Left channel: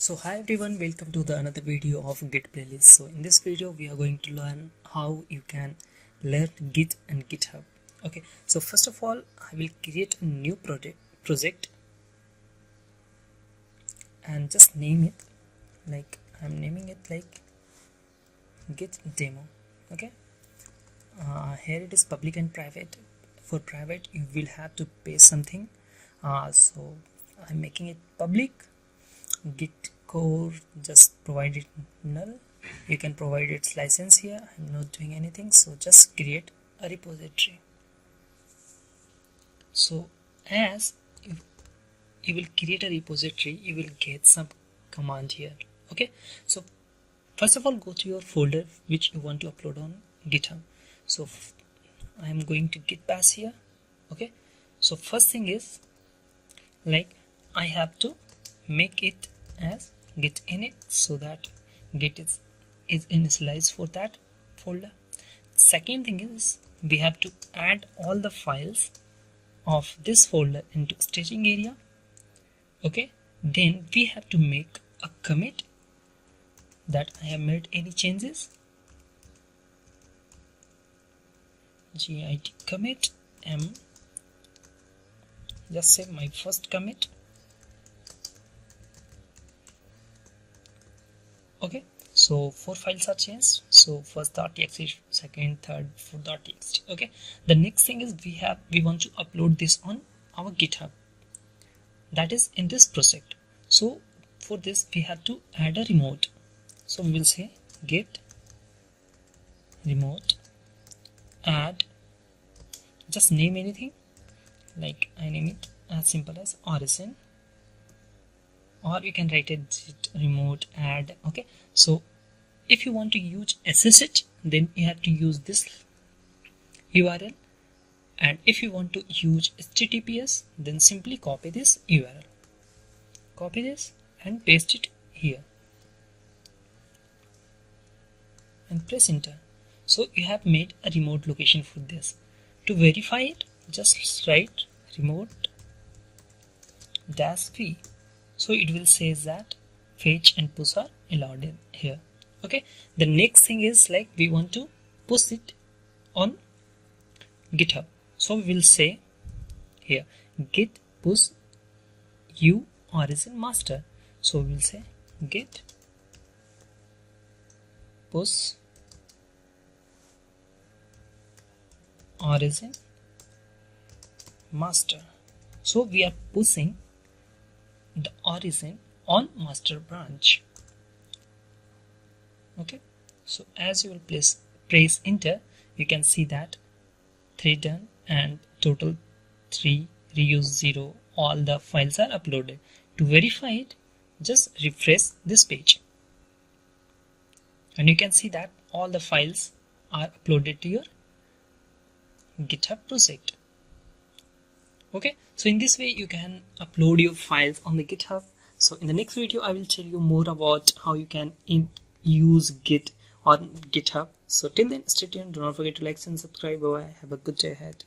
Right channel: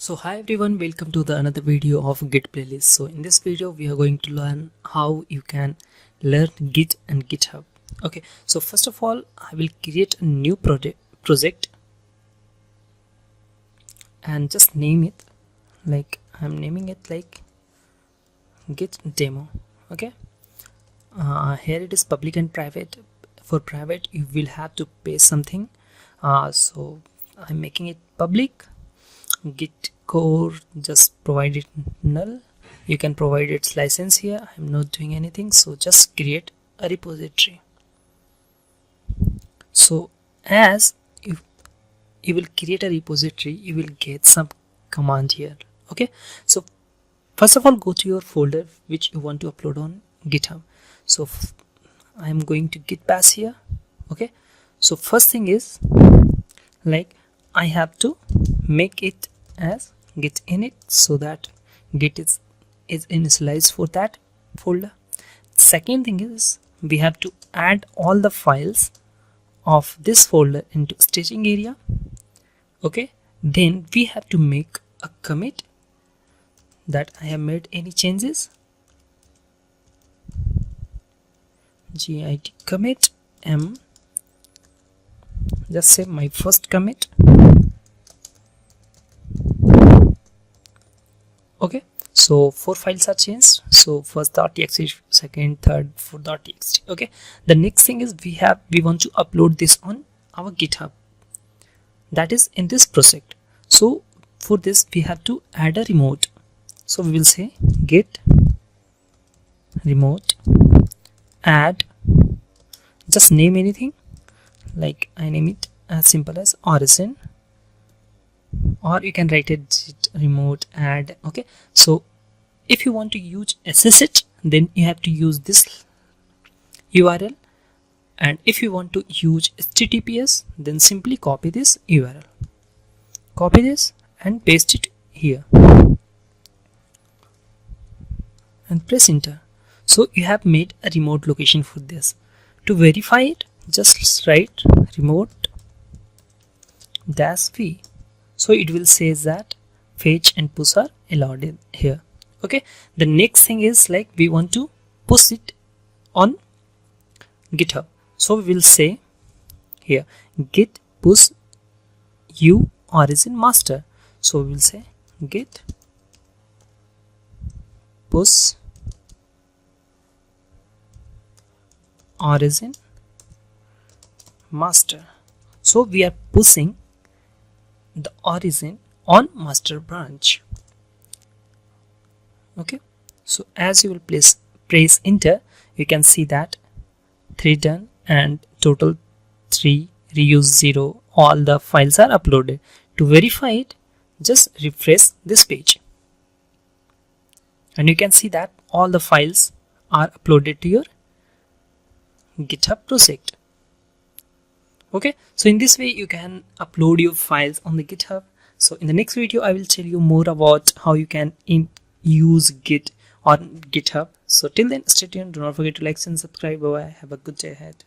So hi everyone, welcome to the another video of Git playlist. So in this video we are going to learn how you can learn Git and GitHub. Okay, so first of all I will create a new project and just name it like I'm naming it like Git demo. Okay, here it is public and private. For private you will have to pay something, so I'm making it public. Git core, just provide it null. You can provide its license here. I'm not doing anything, so just create a repository. So as you will create a repository, you will get some command here. Okay, so first of all go to your folder which you want to upload on GitHub. So I'm going to git bash here. Okay, so first thing is like I have to make it as git init so that git is initialized for that folder. Second thing is we have to add all the files of this folder into staging area. Okay, then we have to make a commit that I have made any changes. Git commit m, just say my first commit. Okay, so 4 files are changed. So first.txt, second, third, fourth.txt. Okay, the next thing is we want to upload this on our GitHub, that is in this project. So for this we have to add a remote. So we will say git remote add, just name anything, like I name it as simple as origin, or you can write it git remote add. Okay, so if you want to use SSH then you have to use this URL, and if you want to use HTTPS then simply copy this URL, copy this and paste it here and press enter. So you have made a remote location for this. To verify it, just write remote -v. So it will say that fetch and push are allowed in here. Okay, the next thing is like we want to push it on GitHub. So we will say here git push u origin master. So we will say git push origin master. So we are pushing the origin on master branch. Okay, so as you will press enter, you can see that 3 done and total 3, reuse 0, all the files are uploaded. To verify it, just refresh this page and you can see that all the files are uploaded to your GitHub project. Okay, so in this way you can upload your files on the GitHub. So in the next video I will tell you more about how you can use Git on GitHub. So till then, stay tuned, do not forget to like and subscribe. Bye bye, have a good day ahead.